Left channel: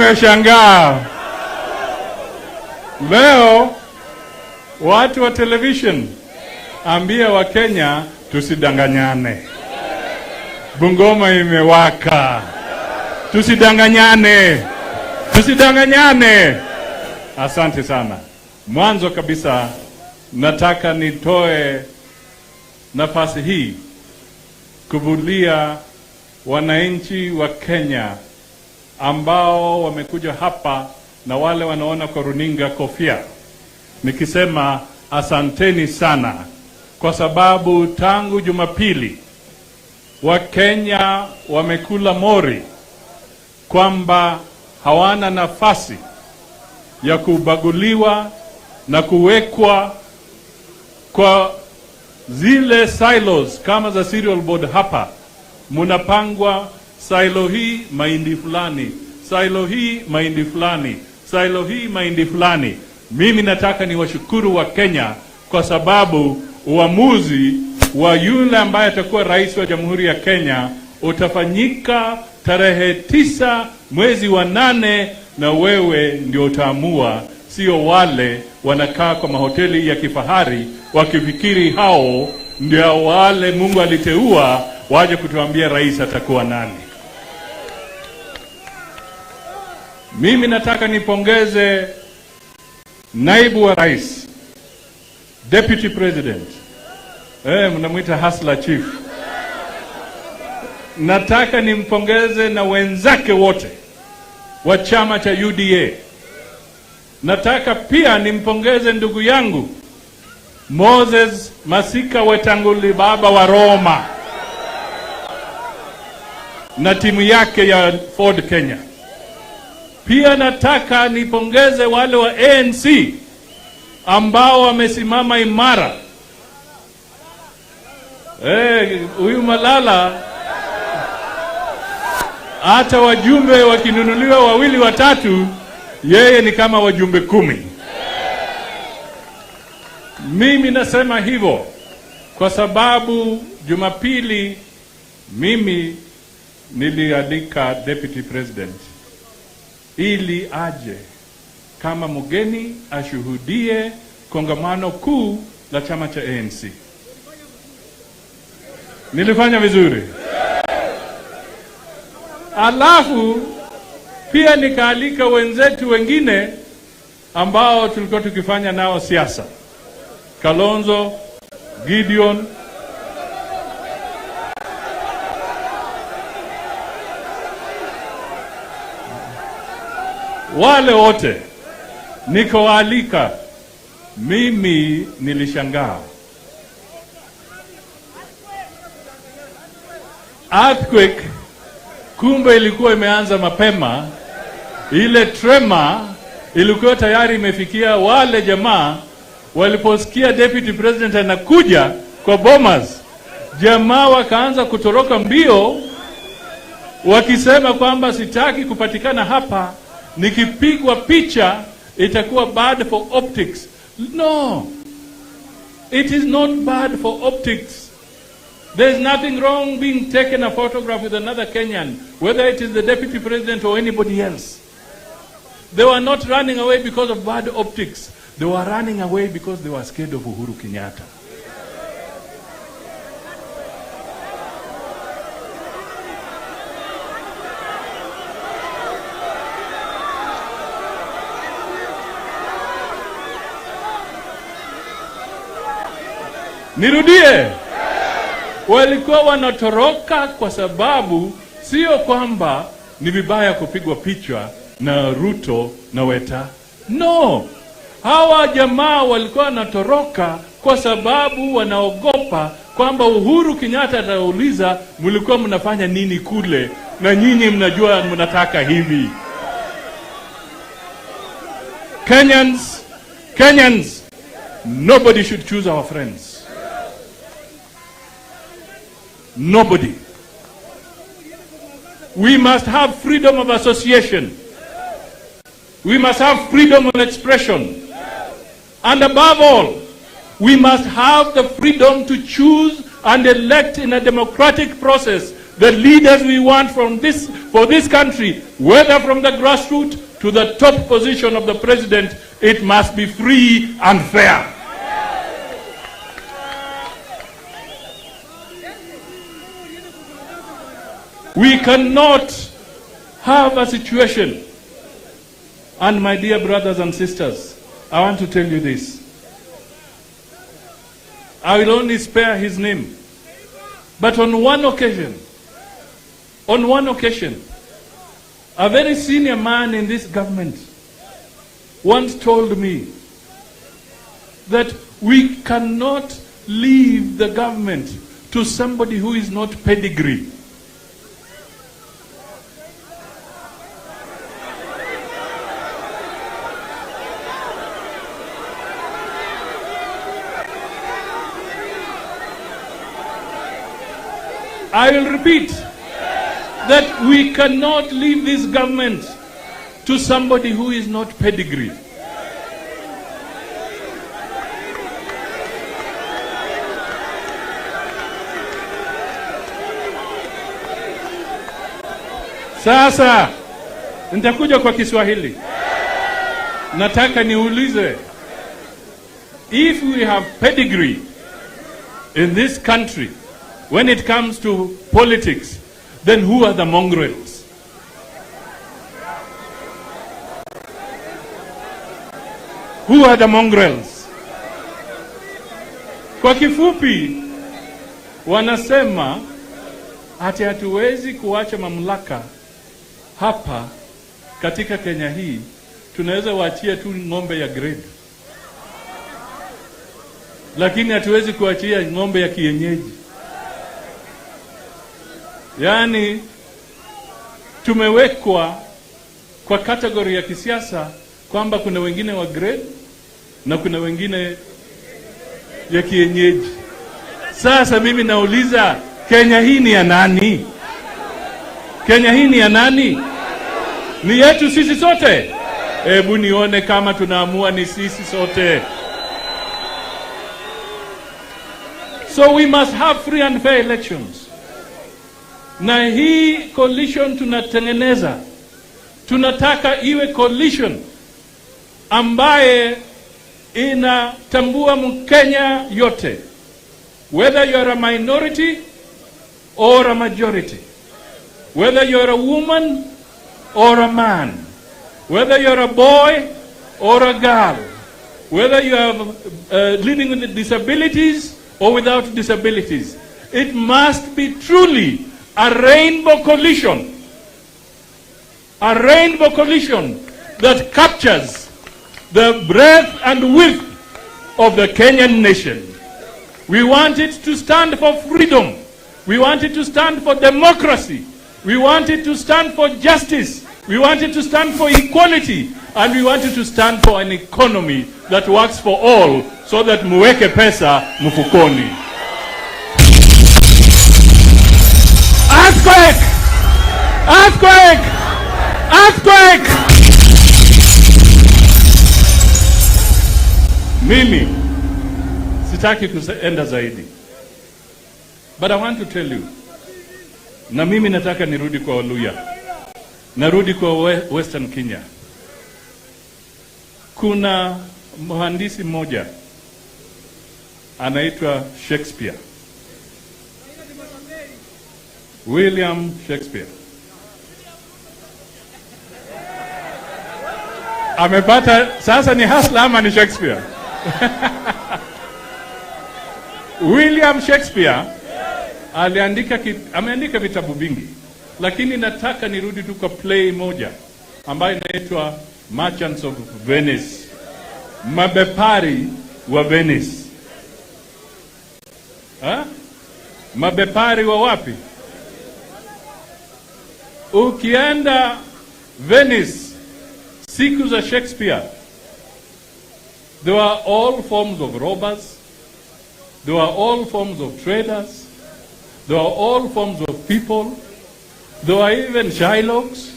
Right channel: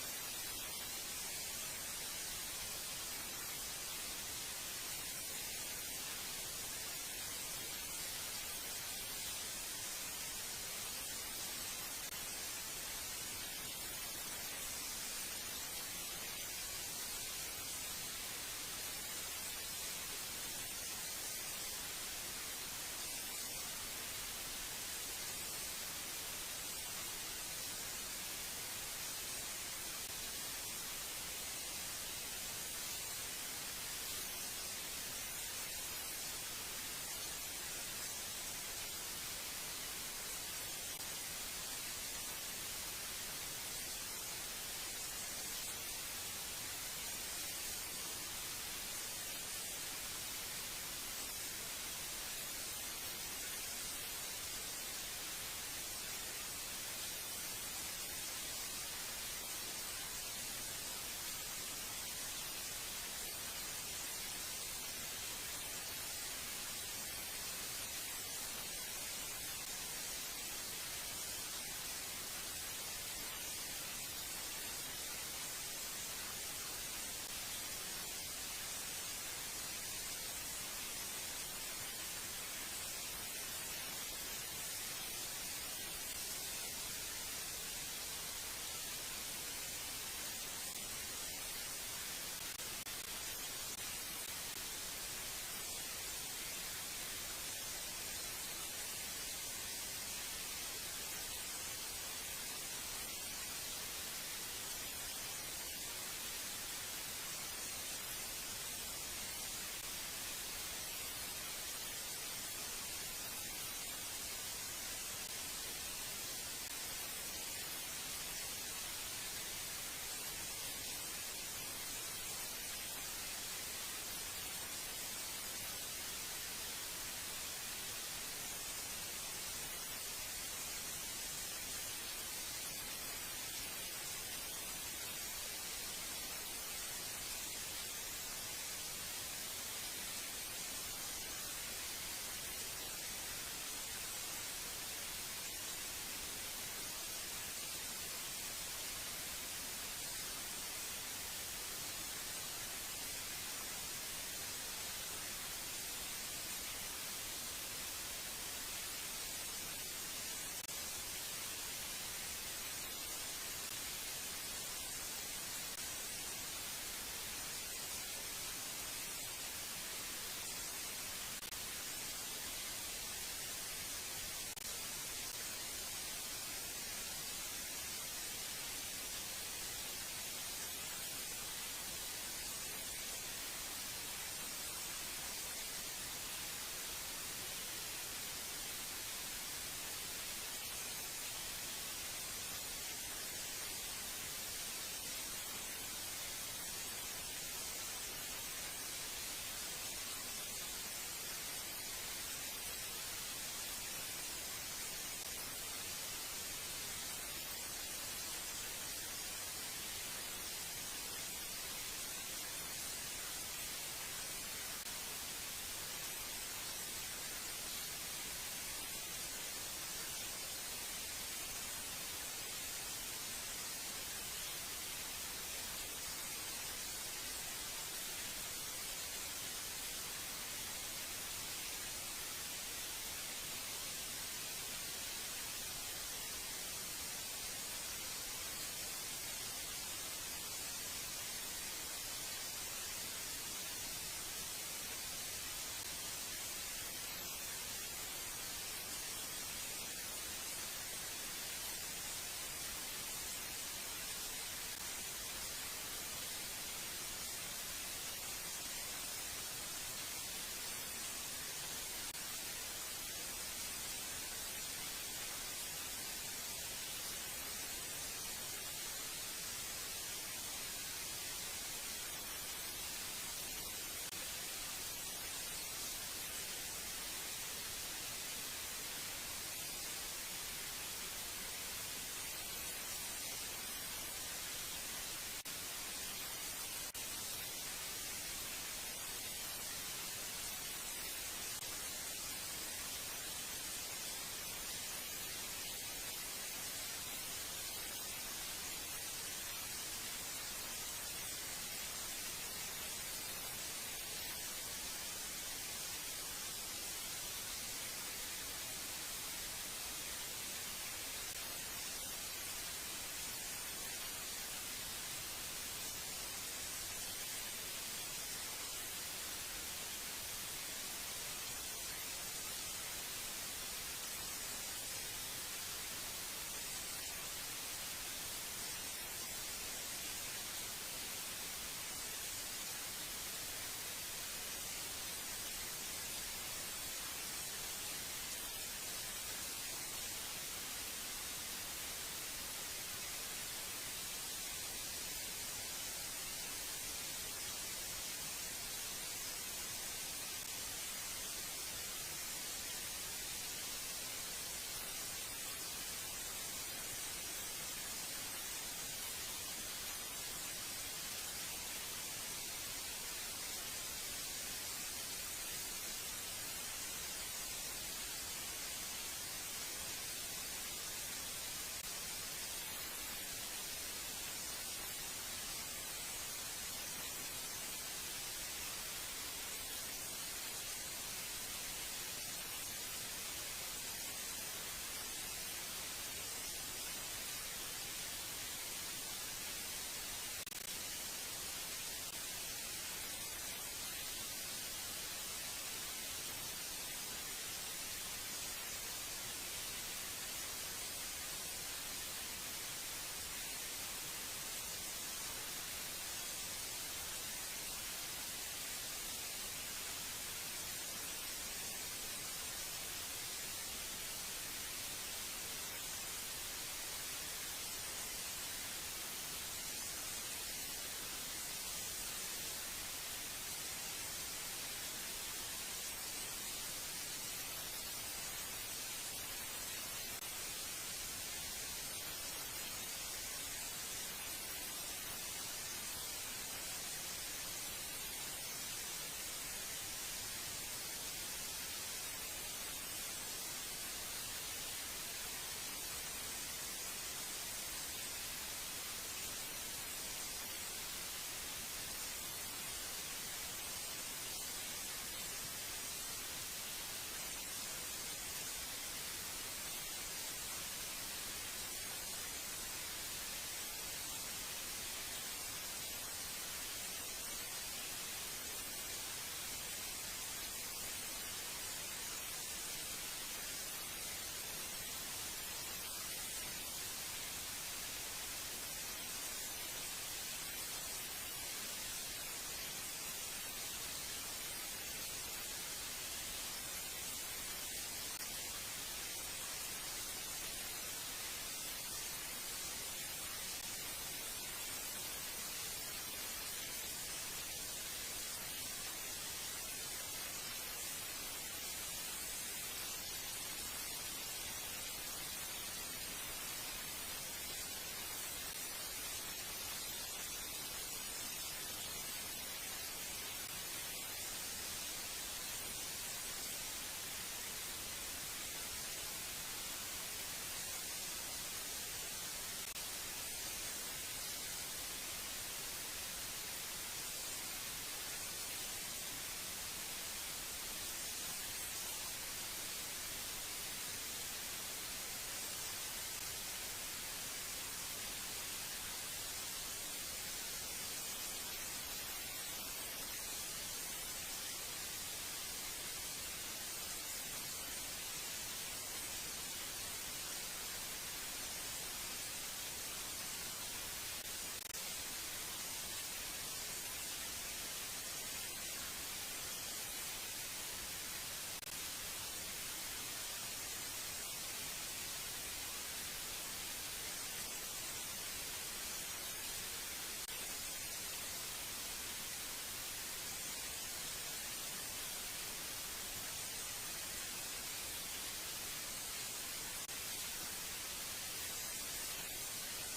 nimeshangaa. Leo watu wa television ambia wa Kenya tusidanganyane. Bungoma imewaka. Tusidanganyane. Tusidanganyane. Asante sana. Mwanzo kabisa nataka nitoe nafasi hii kuvulia wananchi wa Kenya ambao wamekuja hapa na wale wanaona kwa runinga kofia, nikisema asanteni sana, kwa sababu tangu Jumapili wa Kenya wamekula mori kwamba hawana nafasi ya kubaguliwa na kuwekwa kwa zile silos kama za cereal board. Hapa munapangwa silo hii mahindi fulani, silo hii mahindi fulani, silo hii mahindi fulani. Mimi nataka niwashukuru wa Kenya kwa sababu uamuzi wa yule ambaye atakuwa rais wa Jamhuri ya Kenya utafanyika tarehe 9 mwezi wa 8, na wewe ndio utaamua, sio wale wanakaa kwa mahoteli ya kifahari wakifikiri hao ndio wale Mungu aliteua waje kutuambia rais atakuwa nani. Mimi nataka nipongeze naibu wa rais, deputy president, mnamuita hustler chief. Nataka nimpongeze na wenzake wote wa chama cha UDA. Nataka pia nimpongeze ndugu yangu Moses Masika Wetanguli, baba wa Roma, na timu yake ya Ford Kenya. Pia nataka nipongeze wale wa ANC ambao wamesimama imara. Huyu Malala, hata wajumbe wakinunuliwa 2 watatu, yeye ni kama wajumbe 10. Mimi nasema hivyo kwa sababu Jumapili mimi nilialika deputy president ili aje kama mgeni ashuhudie kongamano kuu la chama cha ANC. Nilifanya vizuri. Alafu pia nikaalika wenzetu wengine ambao tulikuwa tukifanya nao siasa. Kalonzo, Gideon, wale wote nikawaalika. Mimi nilishangaa. Earthquake kumbe ilikuwa imeanza mapema. Ile tremor ilikuwa tayari imefikia wale jamaa. Waliposikia deputy president anakuja kwa Bomas, jamaa wakaanza kutoroka mbio wakisema kwamba sitaki kupatikana hapa, nikipigwa picha itakuwa bad for optics. No, it is not bad for optics. There is nothing wrong being taken a photograph with another Kenyan, whether it is the deputy president or anybody else. They were not running away because of bad optics. They were running away because they were scared of Uhuru Kenyatta. Nirudie. Walikuwa wanatoroka kwa sababu sio kwamba ni vibaya kupigwa picha na Ruto na Weta. No. Hawa jamaa walikuwa wanatoroka kwa sababu wanaogopa kwamba Uhuru Kenyatta atauliza mlikuwa mnafanya nini kule, na nyinyi mnajua mnataka hivi. Kenyans, nobody should choose our friends. Nobody. We must have freedom of association. We must have freedom of expression. And above all, we must have the freedom to choose and elect in a democratic process the leaders we want for this country, whether from the grassroots to the top position of the president, it must be free and fair. We cannot have a situation, and my dear brothers and sisters, I want to tell you this. I will only spare his name. But on one occasion, a very senior man in this government once told me that we cannot leave the government to somebody who is not pedigree. I will repeat that we cannot leave this government to somebody who is not pedigree. Sasa nitakuja kwa Kiswahili. Nataka niulize, if we have pedigree in this country when it comes to politics, then who are the mongrels? Who are the mongrels? Kwa kifupi, wanasema ati hatuwezi kuacha mamlaka hapa katika Kenya hii, tunaweza waachia tu ng'ombe ya grade, lakini hatuwezi kuachia ng'ombe ya kienyeji. Yaani tumewekwa kwa kategori ya kisiasa kwamba kuna wengine wa grade na kuna wengine ya kienyeji. Sasa mimi nauliza, Kenya hii ni ya nani? Kenya hii ni ya nani? Ni yetu sisi sote? Hebu nione kama tunaamua ni sisi sote. So we must have free and fair elections. Na hii coalition tunatengeneza, tunataka iwe coalition ambaye inatambua Mkenya yote, whether you are a minority or a majority, whether you are a woman or a man, whether you are a boy or a girl, whether you are living with disabilities or without disabilities. It must be truly a rainbow coalition that captures the breadth and width of the Kenyan nation. We want it to stand for freedom. We want it to stand for democracy. We want it to stand for justice. We want it to stand for equality. And we want it to stand for an economy that works for all, so that muweke pesa mfukoni. Earthquake! Earthquake! Earthquake! Mimi sitaki kuenda zaidi, but I want to tell you, na mimi nataka nirudi kwa Waluya, narudi kwa Western Kenya. Kuna mhandisi mmoja anaitwa Shakespeare, William Shakespeare. Amepata sasa, ni hustler ama ni Shakespeare? William Shakespeare ameandika vitabu vingi, lakini nataka nirudi tu kwa play moja ambayo inaitwa Merchants of Venice, mabepari wa Venice. Mabepari wa wapi? Ukienda Venice siku za Shakespeare, there were all forms of robbers, there were all forms of traders, there were all forms of people, there were even Shylocks,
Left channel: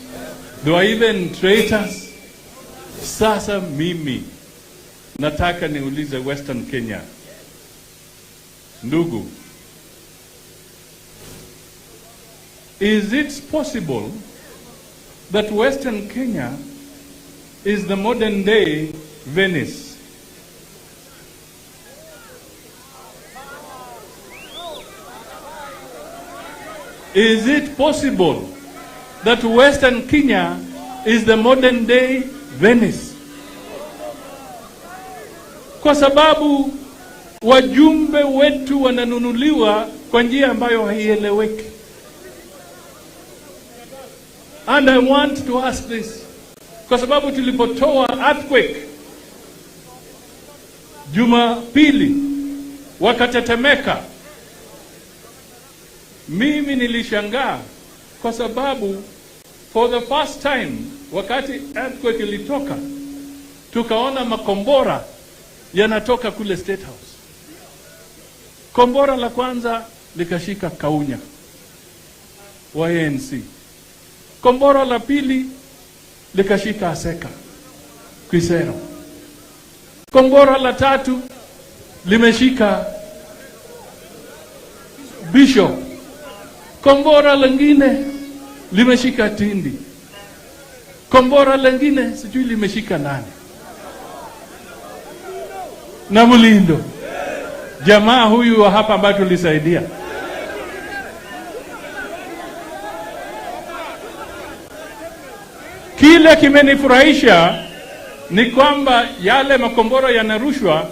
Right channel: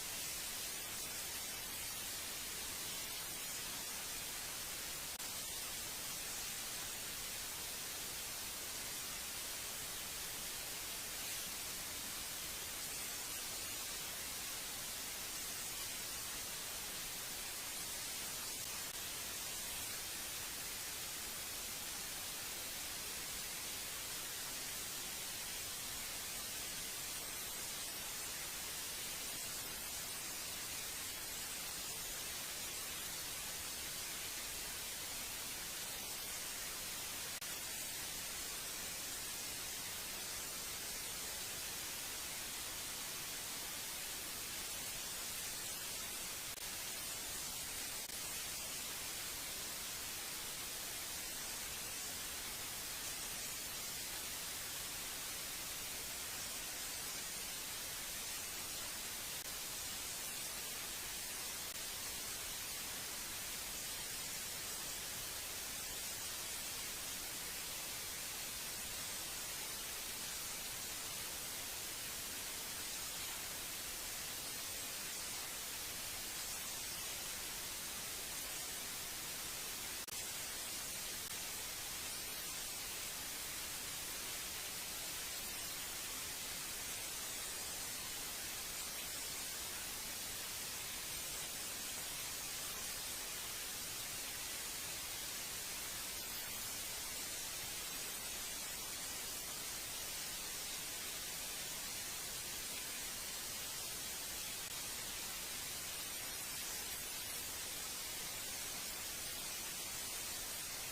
there were even traitors. Sasa mimi nataka niulize Western Kenya, ndugu, is it possible that Western Kenya is the modern day Venice? Is it possible that Western Kenya is the modern day Venice? Kwa sababu wajumbe wetu wananunuliwa kwa njia ambayo haieleweki. And I want to ask this, kwa sababu tulipotoa earthquake Jumapili wakatetemeka, mimi nilishangaa kwa sababu for the first time wakati earthquake ilitoka tukaona makombora yanatoka kule State House. Kombora la kwanza likashika Kaunya wa ANC. Kombora la pili likashika Aseka Kisero. Kombora la tatu limeshika Bishop. Kombora lingine limeshika Tindi. Kombora lingine sijui limeshika nani. Na Mulindo. Jamaa huyu wa hapa ambaye tulisaidia. Kile kimenifurahisha ni kwamba yale makombora yanarushwa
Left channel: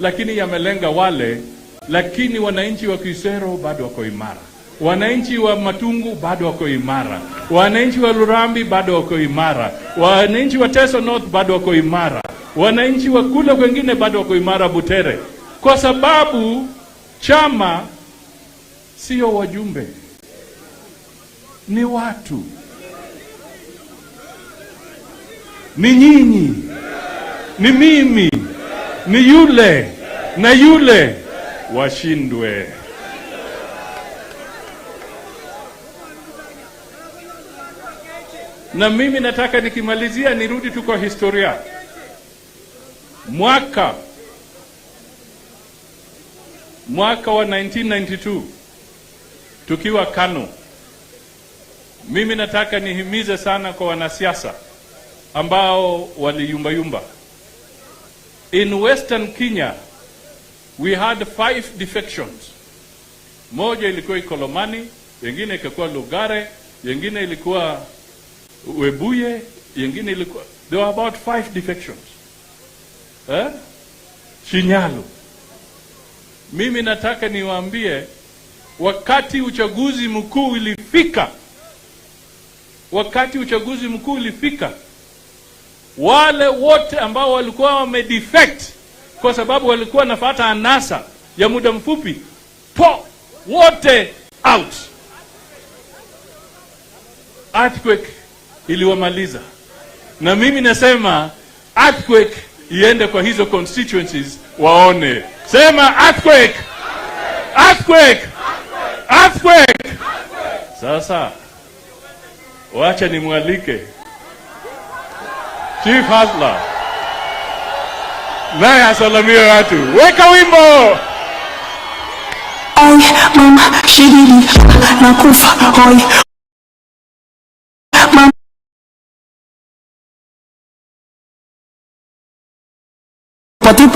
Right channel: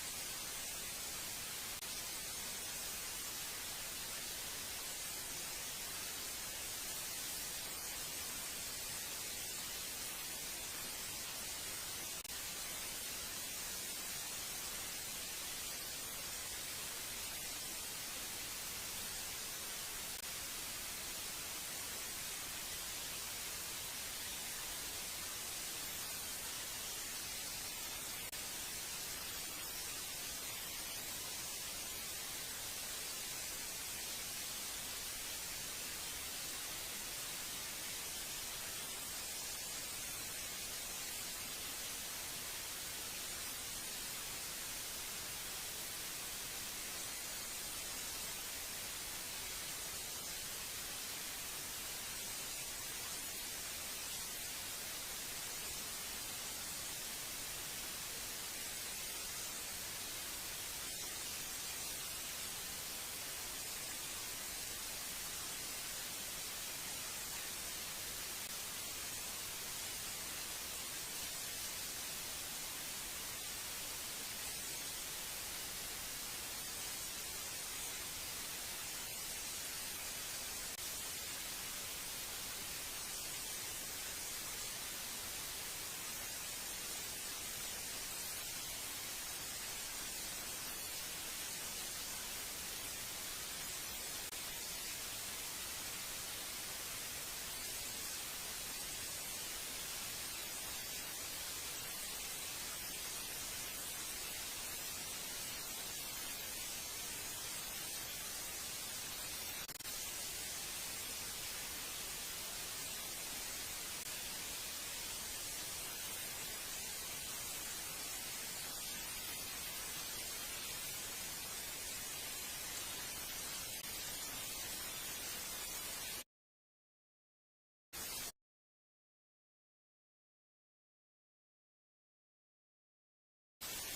lakini yamelenga wale, lakini wananchi wa Kisero bado wako imara. Wananchi wa Matungu bado wako imara. Wananchi wa Lurambi bado wako imara. Wananchi wa Teso North bado wako imara. Wananchi wa kule wengine bado wako imara Butere. Kwa sababu chama sio wajumbe, ni watu. Ni nyinyi, ni mimi, ni yule na yule washindwe. Na mimi nataka nikimalizia nirudi tu kwa historia. Mwaka wa 1992 tukiwa Kano, mimi nataka nihimize sana kwa wanasiasa ambao waliyumba. In Western Kenya we had 5 defections. Moja ilikuwa Ikolomani, nyingine ilikuwa Lugare, nyingine ilikuwa Webuye, nyingine ilikuwa, there were about 5 defections. Shinyalu. Mimi nataka niwaambie, wakati uchaguzi mkuu ulifika, wale wote ambao walikuwa wamedefect kwa sababu walikuwa nafuata anasa ya muda mfupi, wote out. Earthquake iliwamaliza. Na mimi nasema earthquake iende kwa hizo constituencies waone. Sema earthquake! Earthquake! Earthquake! Sasa wacha nimwalike Chief Hasla naye asalamie watu. Weka wimbo! Ay, mama, shigili, nakufa, hoy. Mama. Pati.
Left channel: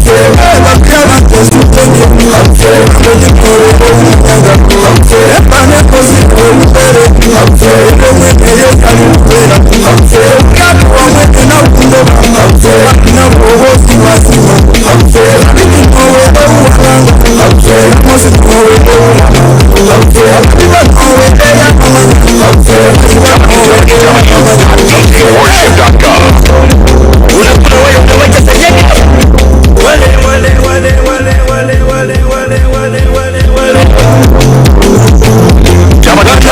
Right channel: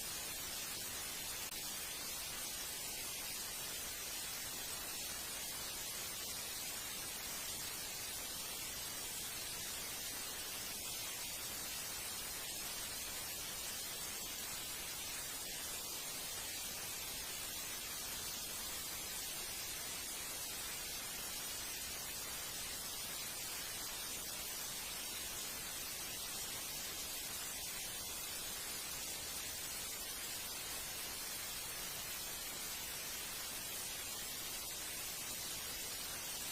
I'm